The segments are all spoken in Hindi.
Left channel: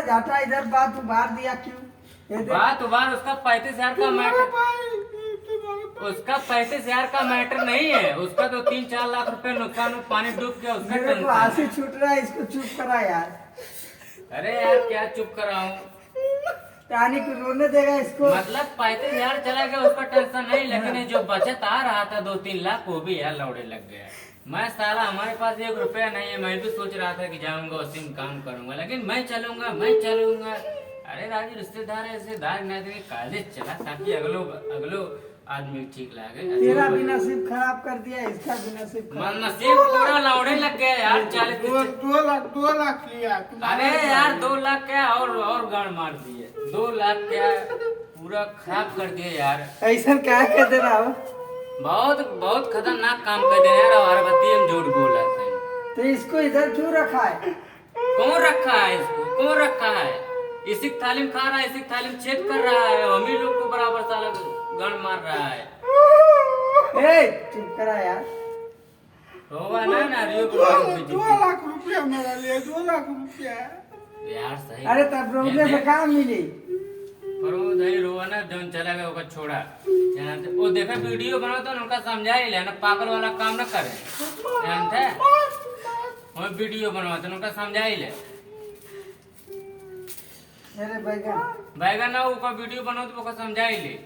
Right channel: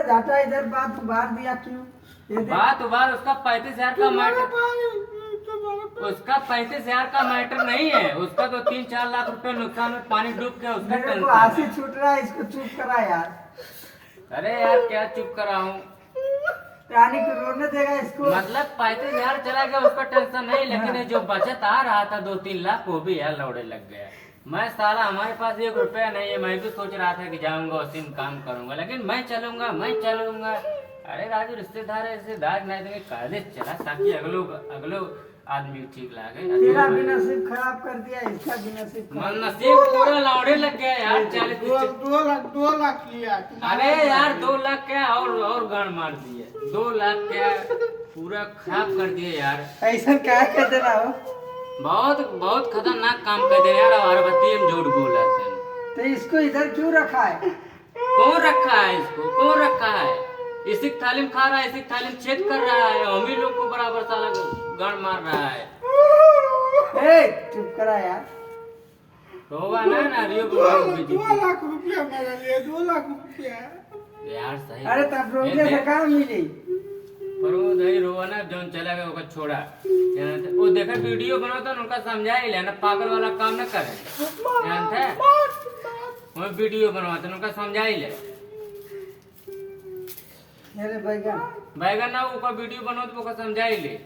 जाता इधर बात उबार दिया क्यों? बात उबार उसका 35,000 का मैटर, उसका 35,000 का मैटर नहीं है। उसका तो 3-4 लाख रुपए नुकसान में पानी डूब गया, उसका मेरे को टेंशन हंसी है। छूट रहा है, इसको चुप करा यार। अरे यार क्या चुप कराऊं, कहानी को रोने देगा इसको। मतलब 35,000 चला गया उसका टेंशन नहीं, लेकिन ये जो बचत आ रहा था 2-3 लाख वो भी यार लौड़े लग गया। मैं साला हमारे पास 1 रुपया नहीं है, मैं भी सोच रहा था कि जाऊंगा उसी में काम करूंगा, लेकिन मैं चलूंगा। अरे राजू रिश्तेदार है, रिश्तेदार नहीं देंगे काजे चला ताकि अगलो आदमी ठीक लागे। तेरा भी नसीब खराब कर दिया, इसका भी नसीब खराब। नसीब पूरा लौड़े लग गया यार। 2 लाख लिया। अरे यार 2 लाख क्या और गाड़ मार दिए। 2 लाख क्या पूरा खराब कर दिए यार। ऐसा क्या कर दे रहा हो? बहुत खतरनाक काम कर दे रहा है। अरबत्ती हम झूठ बोला थे। तो इसको इधर क्यों रखा है? कौन रखा है इसको, कौन रखा है? इसी की तालीम खा रहा है, इसी की तालीम छेद कर रहा है, हम ही लोग को बराबर साला गाड़ मार रहा है। ए, चुप करा यार। होगा ना रियो 2 लाख रुपया मेरा लिए, 2 लाख रुपया यार सही। अरे तब रोने से कहाँ मिली? पर वो नहीं रोआ ना, जो चला गया उसका छोड़ा। वो देखा वीडियो बनाता उनका समझा ही लेना, पागल वाला काम न करे जानते। वो वीडियो बनवाते उनका समझा ही ले। मेरे बैगन ना उसका वीडियो बनाओ तो उसका समझा ही ले।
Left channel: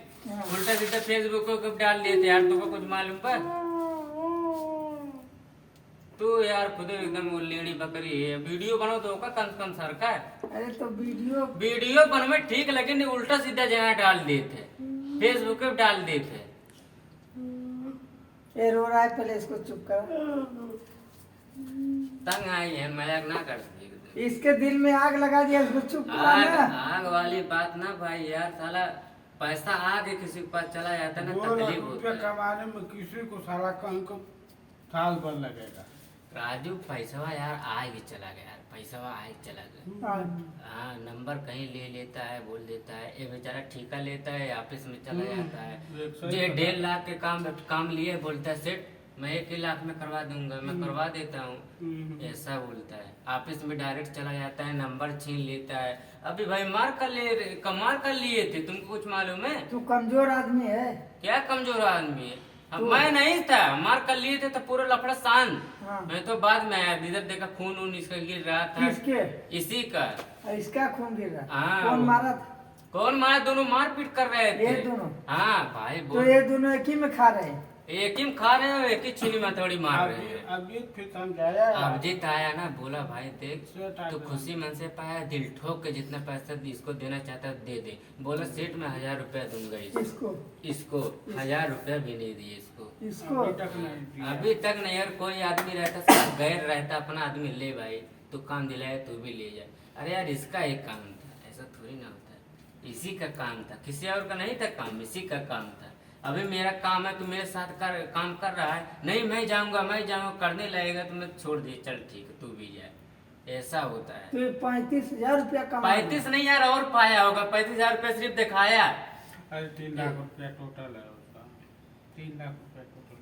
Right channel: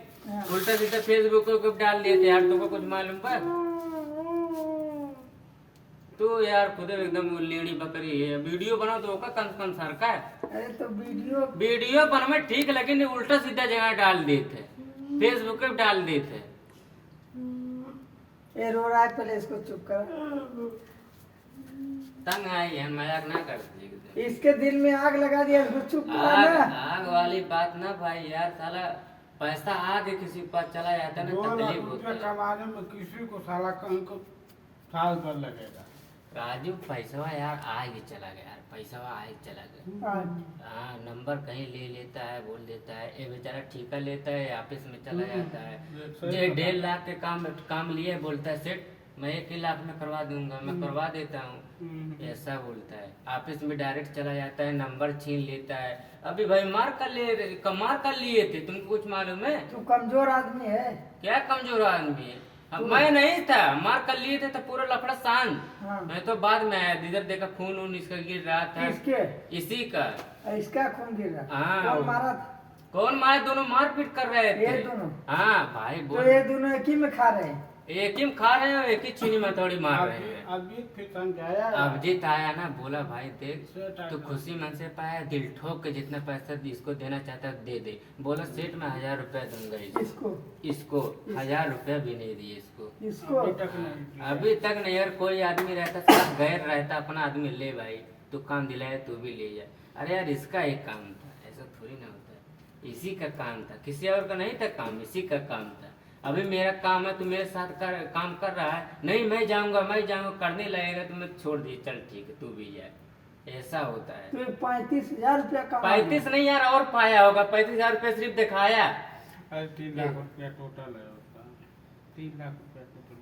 उल्टा सीधा फेसबुक पे डाल दिए थे यार, तुमको कुछ मालूम पर तू यार खुद एकदम लेनी बकरी है। वीडियो बनाओ तो उसका कम सरका है। अरे तो वीडियो बनवे ठीक, लेकिन उल्टा सीधा जगह डाल दिए थे, फेसबुक पे डाल दिए थे। ये रो रहा है, पहले इसको चुप कर। तंग आई है, मजाक ना कर। इसके दिल में आग लगा दिया, इसको चुप कराना। आग वाली बात ना भाई यार, साला पैसा आगे किसी के पास चला जाता है ना 2 लाख तकलीफ रुपया होता है। कमाने में किसी को साला कहीं को साल भर लगेगा। राजू पैसा यार आगे चला गया यार, पैसा आगे चला गया। हाँ नंबर कहीं ले लेता है, बोल देता है। ये बेचारा ठेका लेता है, ऑफिस में चला जाता है। ये 1.5 लाख के काम लिए बोलता है सेठ मैं 1 लाख में करवा दूंगा, मैं करवा देता हूँ, ऐसा बोलता है। ऑफिस में डायरेक्ट चला जाता है, नंबर छीन लेता है। अभी भाई कमार कर लिए थे, तुमको कुछ मालूम है? तू कमजोर आदमी है। क्या कमजोर आदमी है? मैं नहीं था, मार कर लिए थे तो पूरा लफड़ा शांत। हाँ। मैं तो बाद में आया, इधर देखा खून इसका गिर रहा था। किसके? इसी का। इसका खून गिर रहा। हाँ। कौन मारा था? कौन मारा? दोनों मारपीट कर रहे थे। ये दोनों? हाँ भाई तो बोल। ये दोनों एक ही में खा रहे हैं? एक ही में खा रहे हैं और एक ही छीनी में थोड़ी मार रहे हैं। अभिजीत फिर समझाया। अभिजीत आया ना, बोला भाई देख तू खुशी मन से पाया, दिल ठोक के जितना पैसा इसको देना चाहता है दे दे। बोला सेठ मैं 1000 रुपया दूंगा इसको 1000 रुपया भी नहीं दिए इसको। अभी तक नहीं यार। कोई आदमी रहता साथ गैर रहता, अपना आदमी ले भाई तू काम दिलाए तू भी ले जाए। अरे यार इसका एक काम था, ऐसा थोड़ी ना होता है। इसी का काम था, किसी और का नहीं था काम, इसी का काम था। अभी मेरा काम है, तू मेरे साथ काम कर रहा है। नहीं मैं जाऊंगा करने लगेगा तो मैं छोड़ दिए, चल ठीक है तू भी जाए, ऐसा होता है। तो 35,000 रुपया कमा। 35 नहीं यार और पाया होगा। 35,000 रुपया सिर्फ दिखाया। अरे 3 लाख रुपया टोटल है उसका। 3 लाख रुपया टोटल।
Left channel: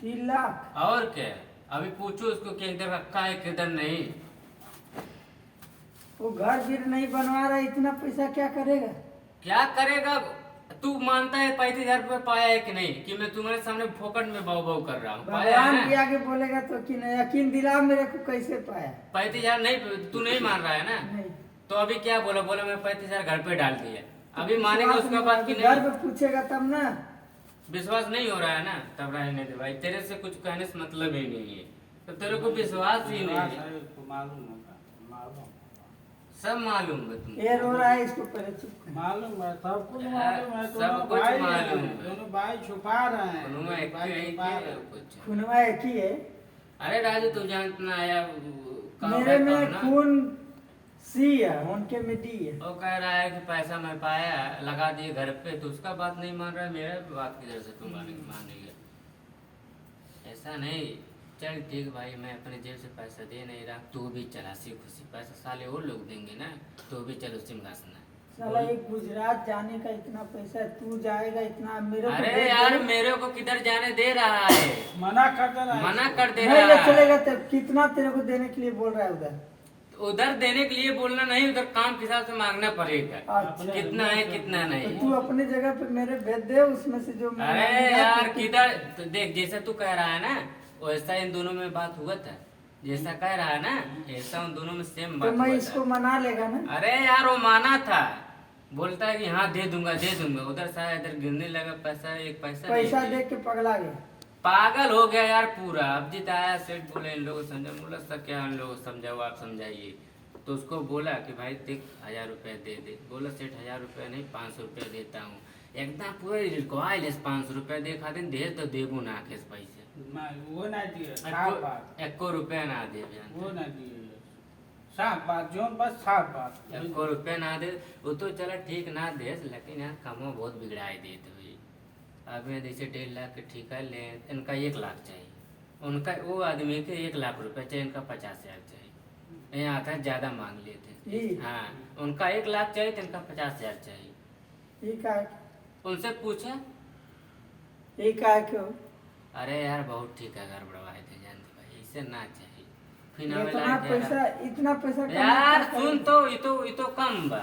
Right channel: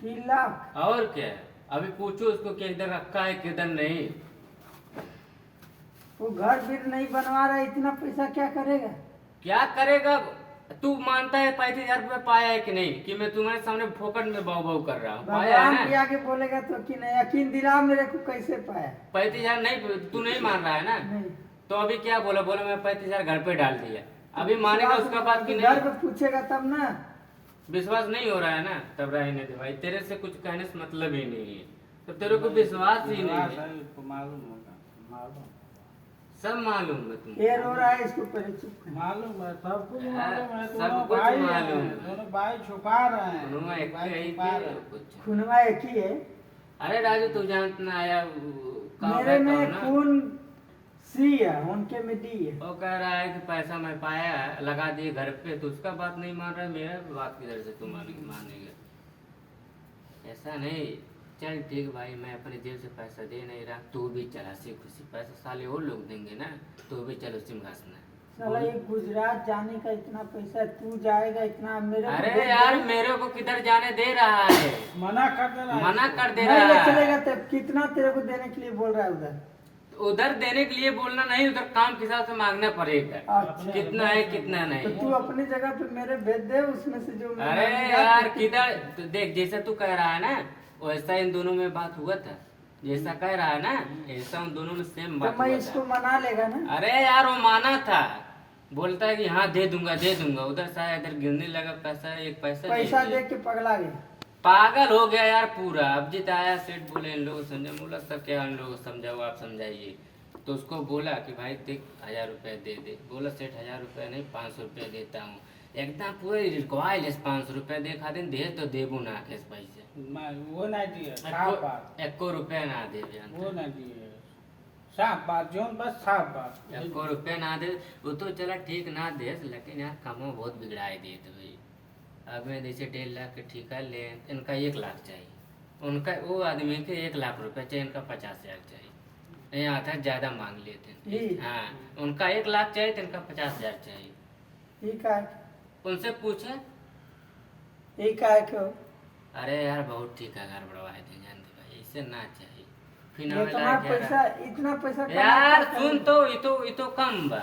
3 लाख और क्या है? अभी पूछो उसको कि इधर रखा है किधर नहीं। वो घर भी नहीं बनवा रहा, इतना पैसा क्या करेगा? क्या करेगा? तू मानता है 35,000 रुपया पाया है कि नहीं? कि मैं तुम्हारे सामने फोकट में भाव कर रहा हूँ? पाया है भगवान भी ना? आगे बोलेगा तो कि नहीं, यकीन दिला मेरे को कैसे पाया? 35,000 नहीं, तू नहीं मान रहा है ना? नहीं। तो अभी क्या बोला मैं 35,000 घर पे डाल दिया। अभी मानेगा उसके बाद कि घर नहीं? पे पूछेगा तब ना। विश्वास नहीं हो रहा है ना, तब रहने दे भाई। तेरे से कुछ कहने से मतलब ही नहीं है, तो तेरे को विश्वास ही नहीं है। उसको मालूम होगा, मालूम सब मालूम है तुमको। ये रो रहा है, इसको पहले चुप कर। मालूम है, सब कुछ हाँ, मालूम है। सब दोनों कुछ भाई मालूम हैं, है। दोनों भाई छुपा रहे हैं। दोनों एक भाई ही छुपा रहे है, हैं। कुछ। खूनवा एक ही है। अरे राजू तू जानता आया मेरे में खून सी है, उनके में डी है। वो कह रहा है कि पैसा मैं पाया लगा दिए घर पे, तो उसका बात नहीं मान रहा, मेरा बात किधर से तू मानेगा? ऐसा नहीं। चल ठीक भाई, मैं अपने जेब से पैसा दे नहीं रहा, तू भी चला सी खुशी। पैसा साले वो लोग देंगे ना, तू भी चल उसी में घासना। साला ये गुजरात जाने का इतना पैसा है, तू जाएगा इतना मेरे को अरे दे यार दे। मेरे को किधर जाने दे रहा है? मना कर दे रहा है। मना कर दे नहीं ले रहा है। चलेगा तो कितना तेरे को देने के लिए बोल रहा है उधर? उधर देने के लिए बोलना नहीं, उधर काम के हिसाब से मांगना पड़ेगा। अच्छा। कितना है कितना तो नहीं। तू अपनी जगह पे मेरे भेज दे, उसमें से जो अरे यार किधर, तो देख जैसे तू कह रहा है ना वैसा इन दोनों में बात हुआ था, जैसा कह रहा है ना ऐसा उन दोनों में सेम तो बात मैं हुआ इसको था। मना लेगा ना। अरे यार वो माना था, बोलता है कि हाँ दे दूंगा दे दूंगा, उधर शायद इधर गिरने लगा पैसा, एक पैसा पैसा नहीं दे दिया। के पगला गया। पागल हो गया यार पूरा। अब जीत आया सेठ बोले इन लोगों को समझा, बोला सर क्या इन लोगों को समझाओ, आप समझाइए। तो उसको बोला कि भाई देख 1000 रुपया दे दे। बोला सेठ 1000 रुपया नहीं 500 रुपया देता हूँ। एकदम पूरा रिक्वायरलेस 500 रुपया दे, खातिर दे तो देबू ना केस पैसे वो नहीं दिए, साफ बात, एको रुपया ना दे वो नहीं दिए, साफ बात जो बस साफ बात। एको रुपया ना दे। वो तो चला ठीक ना दे, लेकिन यार कमो बहुत बिगड़ाई दे तो भाई। अब मैं जैसे 1.5 लाख के ठेका ले, इनका 1 लाख चाहिए, उनका वो आदमी के 1 लाख रुपया चाहिए, इनका 50,000 चाहिए। यहाँ आता है ज्यादा मांग लेते ये? हैं। हाँ उनका 1 लाख चाहिए तो इनका 50,000 चाहिए। ये का उनसे पूछे, ये का क्यों? अरे यार बहुत ठीक है गड़बड़वाए थे जानते भाई, इससे ना चाहिए। फिर नवे इतना लाख जा रहा। इतना पैसा कमा यार के सुन तो ये तो कम बा,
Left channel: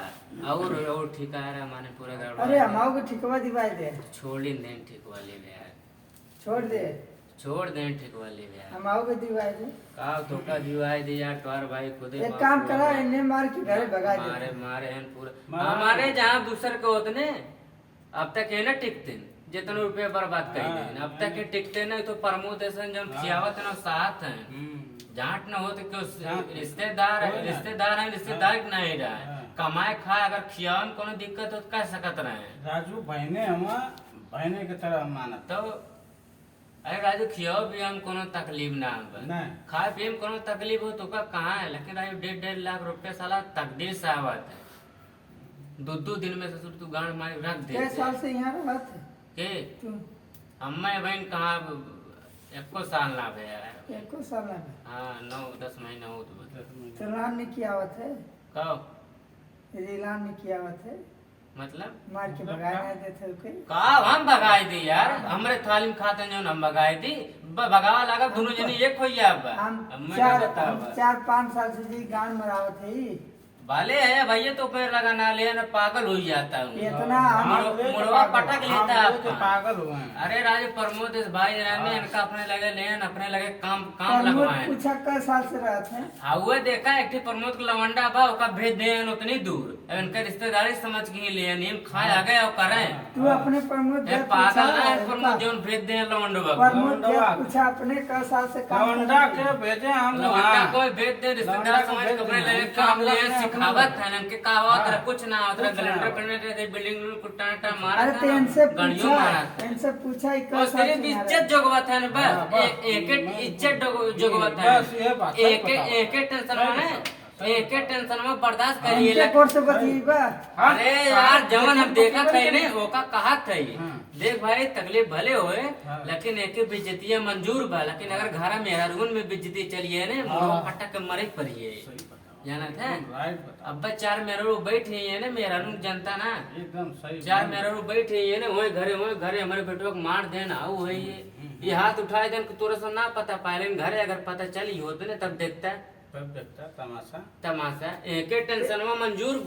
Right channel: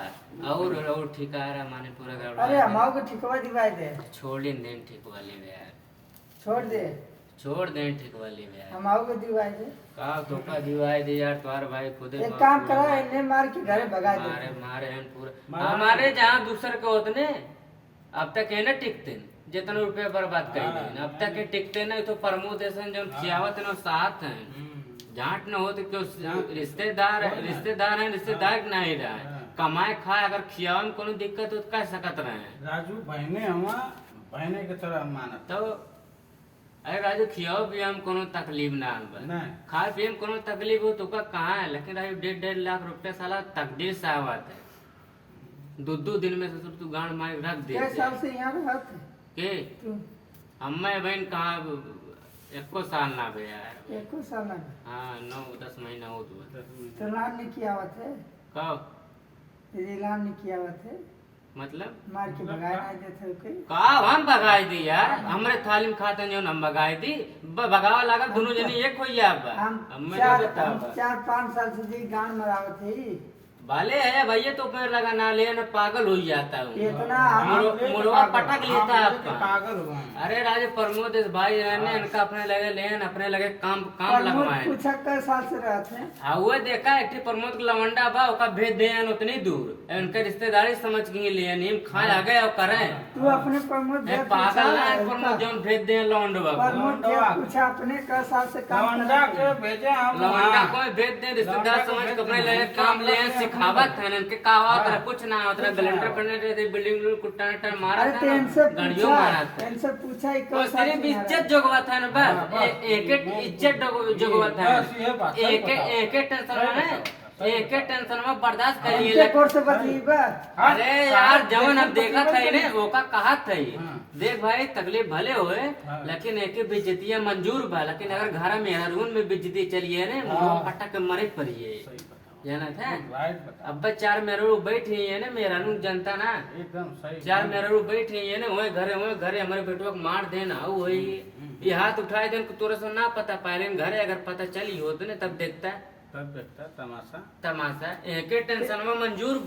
और ठीक आ रहा माने पूरा गड़बड़ा। अरे हमाओ को ठिकवा दिवाई दे, छोड़ ही दें ठीक वाली में यार, छोड़ दे। छोड़ दें ठीक वाली में यार। हमाओ को दिवाई दे। का धोखा दिवाई दे यार, तुम्हारे भाई खुद एक काम करा, इन्हें मार के घरे भगा दे। मारे मारे हैं पूरा। हमारे जहाँ दूसर के होते अब तक है ना टिकते जितने रुपये बर्बाद कर दें, अब तक के टिकते नहीं। तो प्रमोदेशन जब खियावत है ना साथ है, जांच न हो तो क्यों रिश्तेदार है, रिश्तेदार नहीं रहा है, कमाए खाए अगर खियावे में कोनो दिक्कत हो तो कह सकत रहे। राजू बहने हम बहने के तरह मानत तो अरे राजू खियाओ पिया में कोनो तकलीफ ना हो, नहीं। खाए पिए में कोनो तकलीफ हो तो का कहाँ है। लेकिन राजू 1.5 लाख रुपया साला तकदीर से आवत है। 2 दिन में ससुर तू गांड मारी रख दे। कै साल से यहाँ रहा था के तू? अम्मा बहन कहाँ एको साल ना भे यार। एको साल लगा। हाँ 9-10 महीना हो तो तो लान ने किया आवत है, कब यदि लान ने किया आवत है, मतलब मार के भगाए नहीं देते हो के। का हम भगाई दी यार, हमरे थाली में खाता जो हम भगाई दी, भगावा लगा दोनों जनी एक हो गया। हम 4-5 साल से जी गांड मरावत है। बाले है भैया तो पेड़ लगा ना ले ना पागल हो जाता हूँ। इतना मुड़वा पटक लेता है आपका। पागल हुआ है। अरे राजे प्रमोद इस भाई ने इनका अपने लगे ले अपने लगे काम लगवाए। पूछा कै साल से रहते हैं। हाँ वो देखा एक प्रमोद के लवंडा बा ओका भेज दे उतनी दूर, इनके रिश्तेदारी समझ के ही ले नीम खाए आ गए और करे। तू अपने प्रमोद भेद पागल ना पूछा, प्रमोद जोन भेज दे लवंडा प्रमोद भेद पूछा अपने कै साल से काम लवंडा करते के हैं। भेजे हम लवंडा को भेज दे रिश्तेदार समझ के अपने लगे काम ले सिखावत है इनके का होता कुछ ना होता गलेंडर पड़ने रहते बिल्डिंग कुट्टा मारा अरे था तो ना, इनसे गाड़ियों पूछा, मारा था। इनसे पूछा ही कै और साल सिर्फ से इज्जत जोगवत है ना बस, एक इज्जत जोगवत है। बस ये बात सही एक टेंशन में एक टेंशन में बर्दाश्त करिए। इनके कोर से बतीबा। अरे यार जवन हम देखा थे ने वो का कहा थे, देख भाई तकलीफ भले होए लेकिन एक बेइज्जती मंजूर बा। लेकिन अगर घर में मेरा रूम में बेइज्जती चलिए ने मुंह फटक के मरे पड़िए जाना था। राइट बता, अब 4 मेहरू बैठ है ना मेरा रूम जनता ना, एकदम सही। 4 मेहरू बैठ है ना वही घरे हमारे बेटो को मार देना वो है ये हाथ उठाए देन तोरे से ना पता पाए घरे अगर पता चली हो तो ने तब देखता तब देखता तमाशा तमाशा। एक टेंशन में मंजूर